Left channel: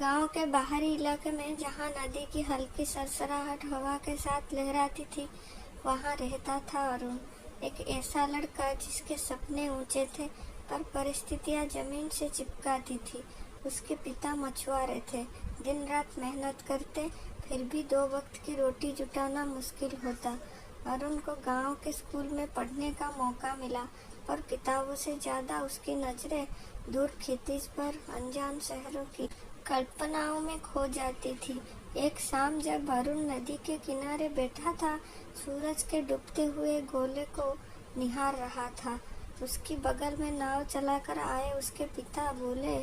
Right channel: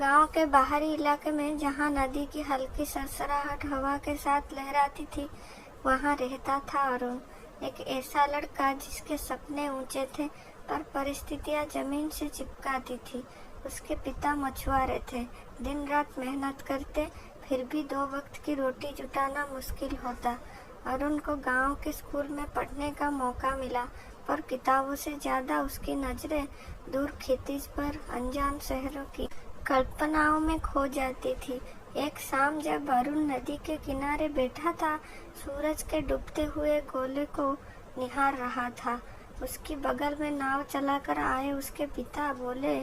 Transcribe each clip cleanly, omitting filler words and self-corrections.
गांव के बाहरी इलाके में जहां नदी की हल्की सरसराहट हवा के साथ लहराती थी, वहां रहता था अरुण। एक ऐसा लड़का जिसके सपने ऊंचे थे और परिस्थितियां जमीन से चिपकाती थी। उसके पिता मछुआरे थे, दिन रात मेहनत करते, फिर भी 2 वक्त की रोटी जुटाना मुश्किल होता। अरुण को गांव के स्कूल में पढ़ने का मौका मिला, पर किताबों से ज्यादा उसकी नजरें दूर खेती पर, अनजान शहरों की कल्पनाओं में खो जाती थी। एक शाम जब अरुण नदी के किनारे बैठा था, सूरज के डूबते हुए गोले को निहार रहा था, उसकी बगल में नाव चलाकर आए उसके पिता बोले,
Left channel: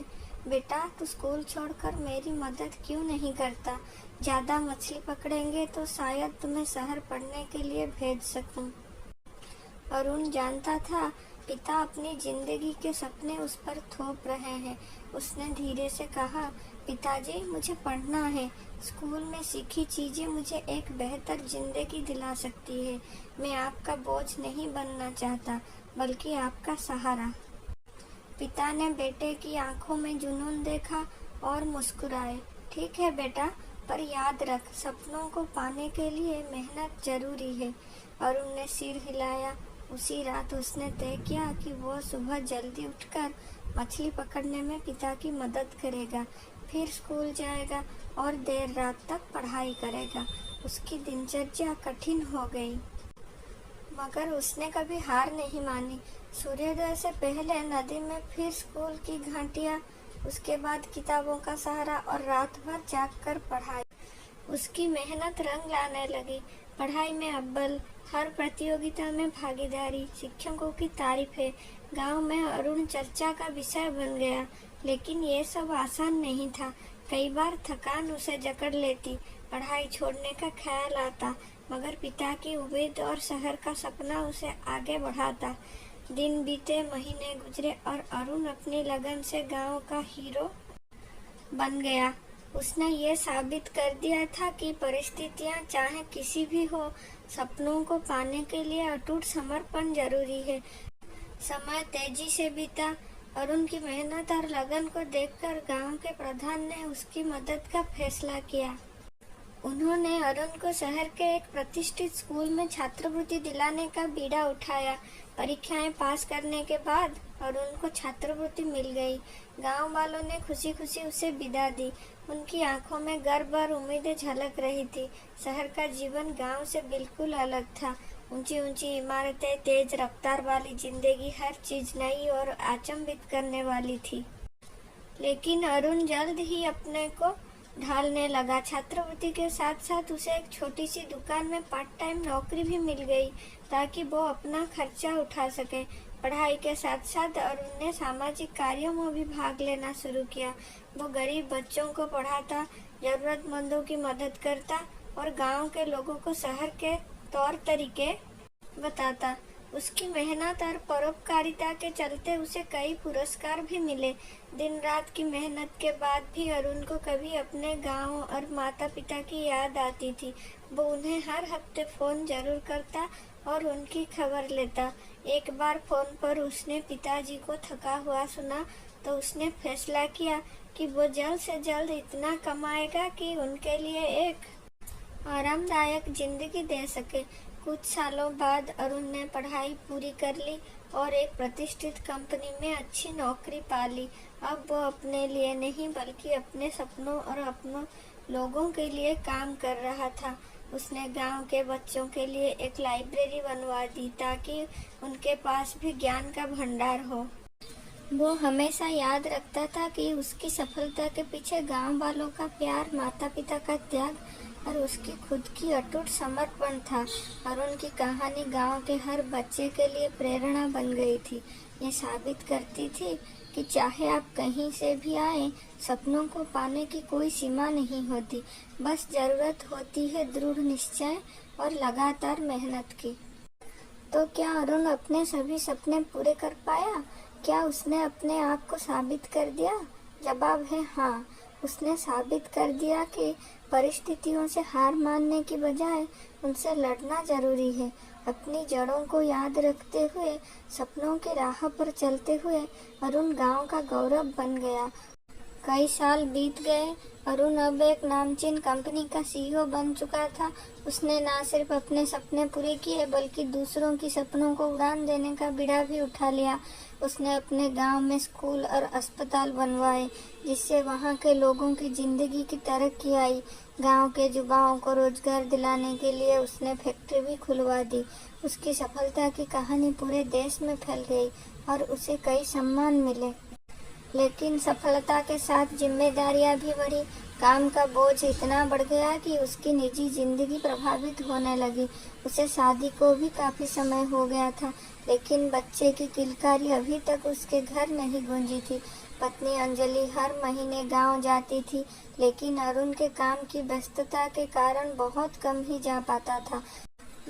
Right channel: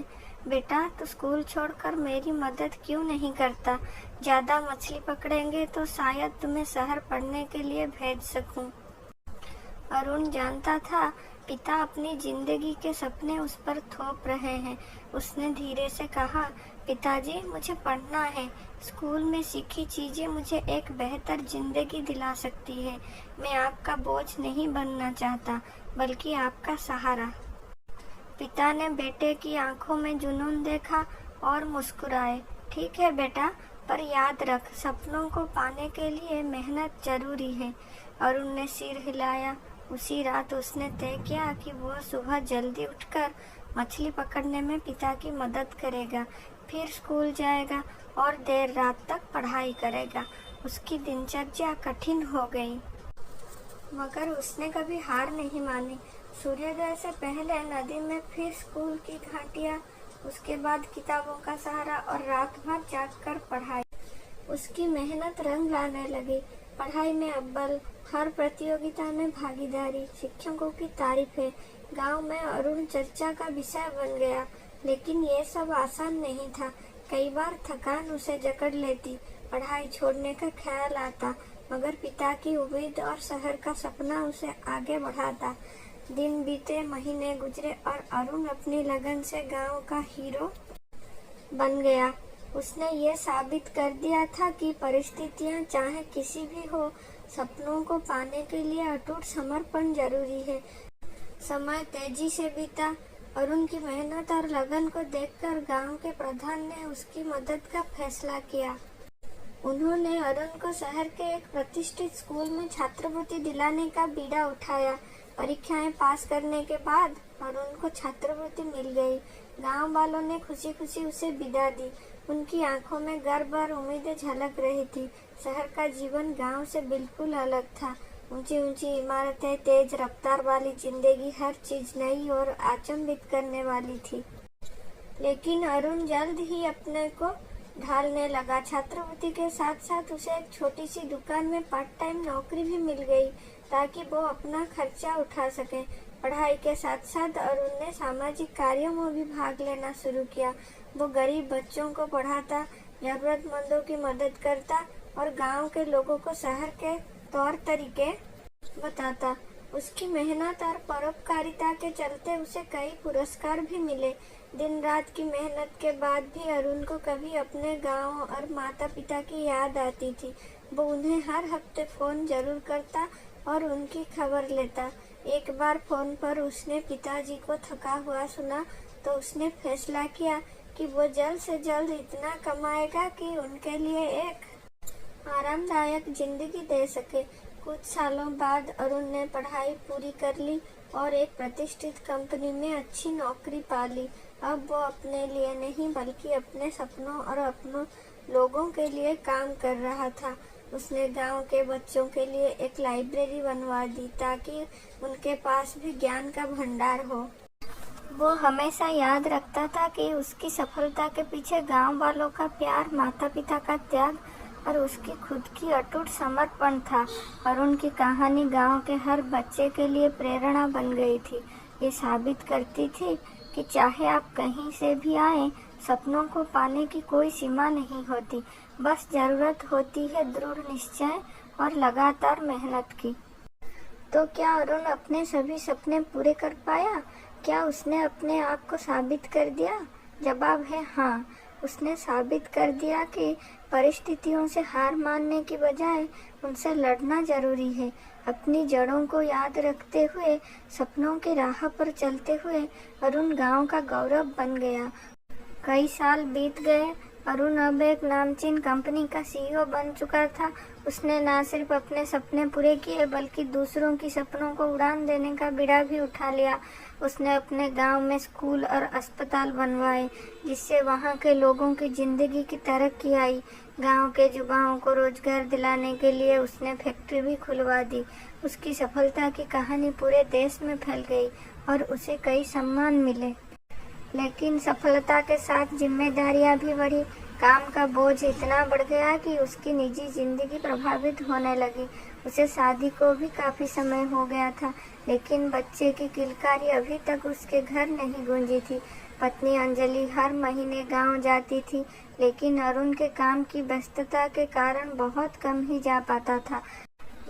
बेटा तू स्कूल छोड़कर मेरी मदद क्यों नहीं करता? ज्यादा मछली पकड़ेंगे तो शायद तुम्हें शहर पढ़ने के लिए भेज सकूं। अरुण जानता था पिता अपनी जिंदगी के सपने उस पर थोप रहे हैं। उसने धीरे से कहा, पिताजी मुझे पढ़ना है। स्कूल में सीखी चीजें मुझे एक बेहतर जिंदगी दिला सकती है। मैं आपका बोझ नहीं बनना चाहता, बल्कि आपका सहारा। पिता ने बेटे की आंखों में जुनून देखा और मुस्कुराए। ठीक है बेटा, पर याद रख, सपनों को पाने के लिए मेहनत जरूरी है। अरुण ने सिर हिलाया। उसी रात उसने तय किया कि वह सुबह जल्दी उठकर मछली पकड़ने में पिता की मदद करेगा, फिर स्कूल जाएगा और देर रात तक पढ़ाई करेगा। उसकी दिनचर्या कठिन हो गई, मगर उसने कभी हार नहीं मानी। सूर्योदय से पहले नदी में, फिर स्कूल की घंटियां, उसके बाद किताबों का सहारा और रात भर जागकर पढ़ाई। उसकी मेहनत रंग लाने लगी। पढ़ाई में अव्वल, हर प्रतियोगिता में भागीदारी, शिक्षकों की तारीफें। गांव में अरुण चर्चा का विषय बन गया। लेकिन ये सब आसान नहीं था। कई बार थकान उसे जकड़ लेती, पढ़ाई छोड़ने का ख्याल आता, मगर पिता की उम्मीद और शहर का सपना उसे आगे बढ़ाता। दिन बीते, महीने गुजरे और अरुण अपनी लगन से गांव का हीरो बन गया। उसने ये साबित कर दिया था कि परिस्थितियां चाहे किसी भी हो, सपनों को पाने के लिए अटूट समर्पण जरूरी है। समय तेजी से बीता। अरुण की मेहनत और लगन को देखकर गांव के प्रधान ने उसकी मदद का फैसला किया। उन्होंने अरुण को शहर के एक प्रतिष्ठित स्कूल में छात्रवृत्ति दिलाने का बीड़ा उठाया। परीक्षाएं पास करने के बाद अरुण को छात्रवृत्ति मिल गई। गांव वालों ने खुशी खुशी उसे विदा दी। उनकी आंखों में गर्व और उम्मीदें झलक रही थी। शहर का जीवन गांव से बिल्कुल अलग था। ऊंची ऊंची इमारतें, तेज रफ्तार वाली जिंदगी, हर चीज नई और अचंभित करने वाली थी। लेकिन अरुण जल्द ही अपने को ढालने लगा। छात्रवृत्ति के साथ साथ उसे एक छोटी सी दुकान में पार्ट टाइम नौकरी भी मिल गई, ताकि वो अपना खर्चा उठा सके। पढ़ाई के साथ साथ अरुण ने सामाजिक कार्यों में भी भाग लेना शुरू किया। वो गरीब बच्चों को पढ़ाता, जरूरतमंदों की मदद करता और गांव के लोगों को शहर के तौर तरीके बताता। उसकी मेहनत और परोपकारिता के चलते उसे कई पुरस्कार भी मिले। दिन रात की मेहनत के बाद भी अरुण को कभी अपने गांव और माता पिता की याद आती थी। वो उन्हें हर हफ्ते फोन जरूर करता और उनकी खबर लेता। एक बार फोन पर उसने पिताजी को थका हुआ सुना, तो उसने फैसला किया कि वो जल्द से जल्द इतना कमाएगा कि उनके लिए एक आरामदायक जिंदगी दे सके। कुछ सालों बाद अरुण ने पढ़ाई पूरी कर ली और एक प्रतिष्ठित कंपनी में अच्छी नौकरी पा ली। अब वो अपने लिए नहीं, बल्कि अपने सपनों और अपनों लोगों के लिए काम कर रहा था। उसने गांव के बच्चों के लिए एक लाइब्रेरी बनवा दी, ताकि उनके पास भी ज्ञान का भंडार हो। वो हमेशा याद रखता था कि उसकी सफलता के पीछे गांव वालों का प्यार, माता पिता का त्याग और उसकी खुद की अटूट समर्पण था। अरुण की कहानी गांव के हर बच्चे के लिए प्रेरणा बन गई थी। ये साबित करती थी कि चाहे आप कहीं से भी आए, सपनों को पाने की कोई सीमा नहीं होती। बस जरूरत होती है दृढ़ निश्चय और लगातार मेहनत की। तो क्या अरुण अपने सभी सपने पूरे कर पाया? क्या उसने अपने आप को साबित कर दिया? जवाब है हाँ। उसने साबित कर दिया कि परिस्थितियों से हार मानने की बजाय उनसे लड़ना जरूरी है। अपनी जड़ों को याद रखते हुए, सपनों की राह पर चलते हुए अरुण गांव का गौरव बन गया। कई साल बीत गए। अरुण अब एक नामचीन कंपनी का सीईओ बन चुका था। उसने न सिर्फ अपने सपने पूरे किए बल्कि दूसरों की सपनों को उड़ान देने का बीड़ा भी उठा लिया। उसने अपने गांव में स्कूल और अस्पताल बनवाए, जिससे वहां के लोगों की जिंदगी की तरक्की आई। गांव के युवाओं को रोजगार दिलाने के लिए उसने फैक्ट्री भी खुलवा दी। उसकी सफलता की कहानी पूरे देश में फैल गई और उसे कई सम्मान मिले। लेकिन सफलता के साथ जिम्मेदारियां भी बढ़ी। काम का बोझ इतना बढ़ गया कि उसकी निजी जिंदगी प्रभावित होने लगी। उसे शादी को भी काफी समय हो गया था, लेकिन बच्चे की किलकारी अभी तक उसके घर नहीं गूंजी थी। पत्नी अंजलि हर महीने गांव जाती थी, लेकिन अरुण के काम की व्यस्तता के कारण बहुत कम ही जा पाता था।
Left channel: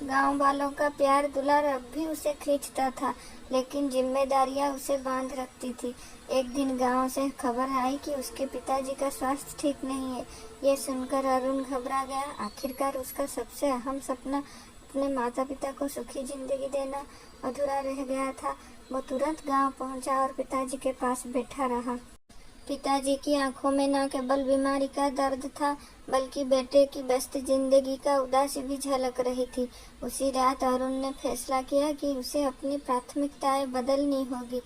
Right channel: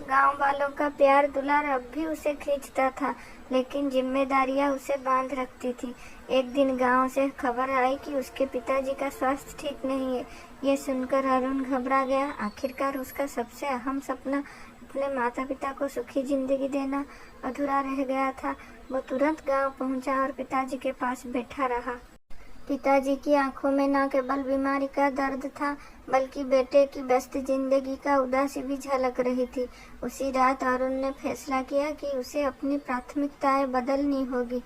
गांव वालों का प्यार दुलार अब भी उसे खींचता था, लेकिन जिम्मेदारियां उसे बांध रखती थी। एक दिन गांव से खबर आई कि उसके पिताजी का स्वास्थ्य ठीक नहीं है। ये सुनकर अरुण घबरा गया। आखिरकार उसका सबसे अहम सपना, अपने माता पिता को सुखी जिंदगी देना, अधूरा रह गया था। वो तुरंत गांव पहुंचा और पिताजी के पास बैठा रहा। पिताजी की आंखों में न केवल बीमारी का दर्द था, बल्कि बेटे की व्यस्त जिंदगी का उदासी भी झलक रही थी। उसी रात अरुण ने फैसला किया कि उसे अपनी प्राथमिकताएं बदलनी होगी।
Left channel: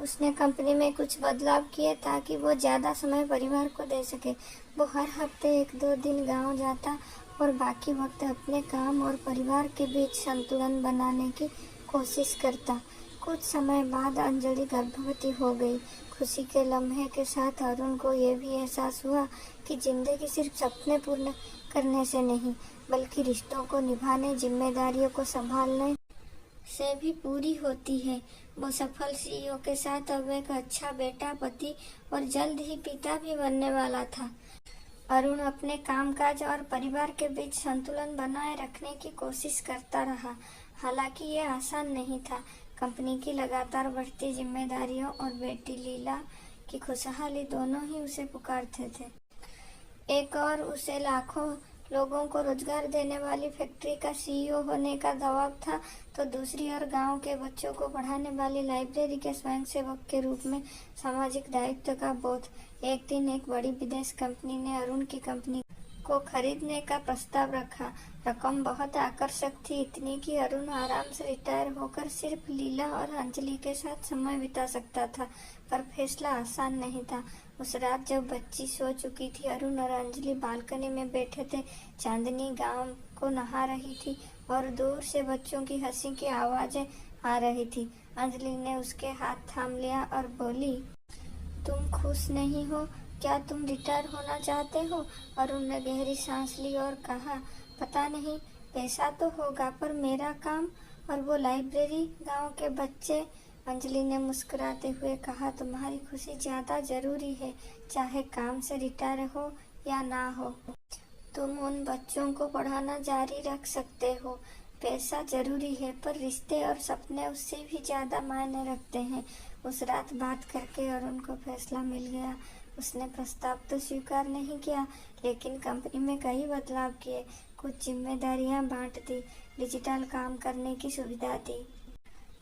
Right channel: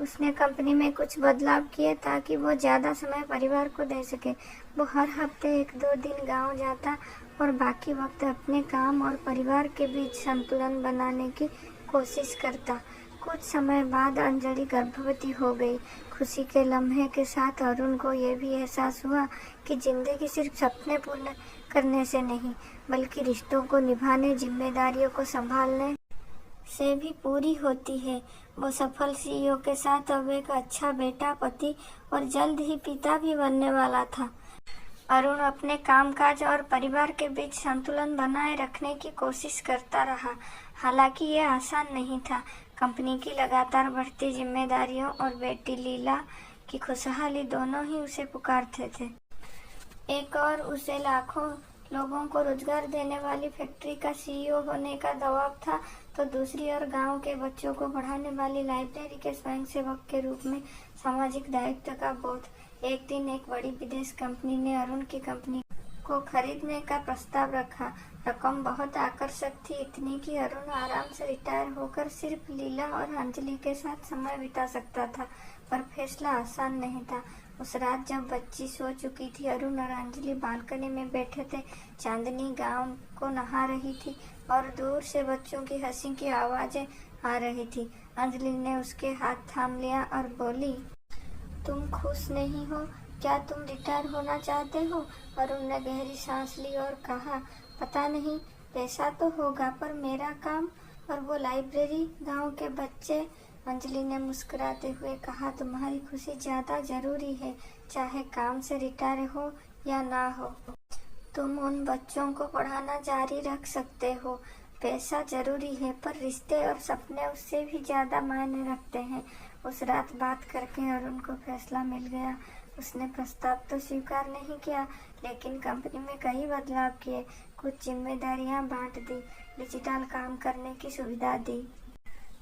उसने कंपनी में कुछ बदलाव किए ताकि वो ज्यादा समय परिवार को दे सके। वो हर हफ्ते 1-2 दिन गांव जाता और बाकी वक्त अपने काम और परिवार के बीच संतुलन बनाने की कोशिश करता। कुछ समय बाद अंजलि गर्भवती हो गई। खुशी के लम्हे के साथ अरुण को यह भी एहसास हुआ कि जिंदगी सिर्फ सपने पूर्ण करने से नहीं, बल्कि रिश्तों को निभाने, जिम्मेदारियों को संभालने से भी पूरी होती है। वो सफल सीईओ के साथ अब एक अच्छा बेटा, पति और जल्द ही पिता भी बनने वाला था। अरुण अपने कामकाज और परिवार के बीच संतुलन बनाए रखने की कोशिश करता रहा। हालांकि यह आसान नहीं था। कंपनी की लगातार बढ़ती जिम्मेदारियों और बेटी लीला की खुशहाली दोनों ही उसे पुकारते थे। एक और उसे लाखों लोगों को रोजगार देने वाली फैक्ट्री का सीईओ होने का दबाव था, तो दूसरी ओर गांव के बच्चों को पढ़ाने वाली लाइब्रेरी के स्वयंसेवक के रूप में सामाजिक दायित्व का बोध। एक दिन एक बड़ी विदेश कंपनी ने अरुण की कंपनी को खरीदने का प्रस्ताव रखा। रकम बहुत आकर्षक थी, इतनी कि अरुण आराम से रिटायर होकर सिर्फ लीला और अंजलि के साथ समय बिता सकता था। पर फैसला आसान नहीं था। उस रात जब बच्ची सो चुकी थी, अरुण और अंजलि बालकनी में बैठे थे। चांदनी गांव को नहा रही थी और दूर से बच्चों की हंसी की आवाजें आ रही थी। अंजलि ने उसके हाथ थाम लिया और बोली, तुम खुश नहीं हो क्या? तुम रिटायर होना चाहते हो? अरुण ने गहरी सांस ली और कहा, पता नहीं, पैसा तो होगा, पर मेरा काम और वो लाइब्रेरी, गांव के बच्चे। अंजलि ने मुस्कुराते हुए कहा, तुम्हारी खुशी ज्यादा जरूरी है, चाहे काम से रिटायर हो या ना हो। तुम उन बच्चों को पढ़ाना जारी रख सकते हो। पैसा जरूरी है, पर रिश्ते और सपने उससे भी ज्यादा मायने रखते हैं। उस रात बात करके अरुण को फैसला मिल गया। उसने प्रस्ताव तो स्वीकार नहीं किया, लेकिन कंपनी में कई बदलाव किए। कुछ जिम्मेदारियां बांट दी, डिजिटल काम करने की सुविधा दी,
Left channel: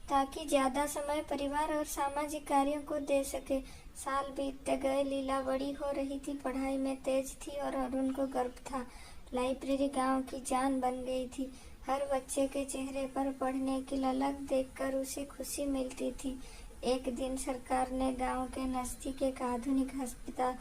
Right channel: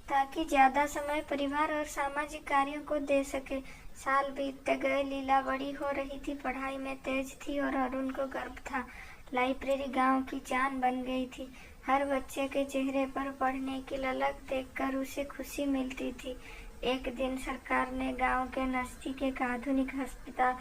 ताकि ज्यादा समय परिवार और सामाजिक कार्यों को दे सके। साल बीतते गए, लीला बड़ी हो रही थी, पढ़ाई में तेज थी और अरुण को गर्व था। लाइब्रेरी गांव की जान बन गई थी। हर बच्चे के चेहरे पर पढ़ने की ललक देखकर उसे खुशी मिलती थी। एक दिन सरकार ने गांव के नजदीक एक आधुनिक अस्पताल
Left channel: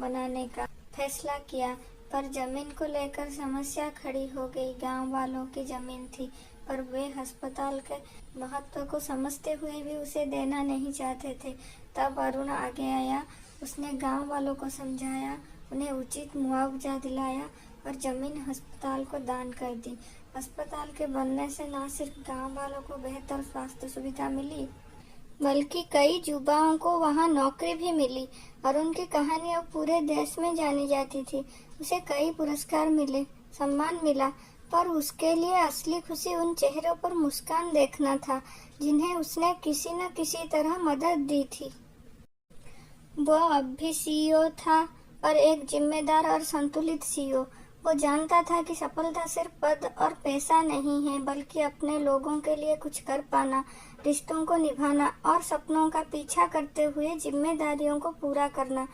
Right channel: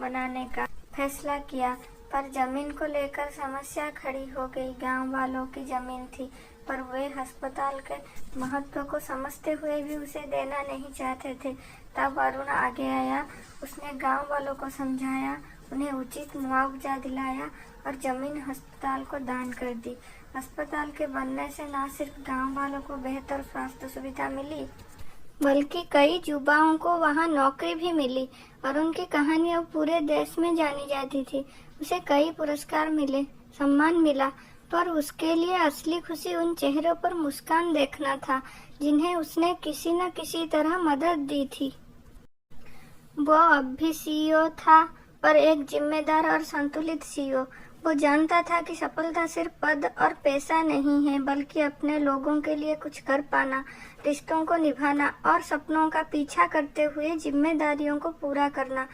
बनाने का फैसला किया, पर जमीन को लेकर समस्या खड़ी हो गई। गांव वालों की जमीन थी, पर वे अस्पताल के महत्व को समझते हुए भी उसे देना नहीं चाहते थे। तब अरुण आगे आया। उसने गांव वालों को समझाया, उन्हें उचित मुआवजा दिलाया और जमीन अस्पताल को दान कर दी। अस्पताल के बनने से न सिर्फ गांव वालों को बेहतर स्वास्थ्य सुविधा मिली, बल्कि कई युवाओं को वहां नौकरी भी मिली। अरुण की कहानी अब पूरे देश में जानी जाती थी। उसे कई पुरस्कार मिले, सम्मान मिला, पर उसके लिए असली खुशी उन चेहरों पर मुस्कान देखना था, जिन्हें उसने किसी न किसी तरह मदद दी थी। वो अब भी सीईओ था, पर एक जिम्मेदार और संतुलित सीईओ। वो जानता था कि सफलता सिर्फ पद और पैसा नहीं है, बल्कि अपने लोगों के लिए कुछ कर पाना, रिश्तों को निभाना और सपनों का पीछा करते हुए जिम्मेदारियों को पूरा करना।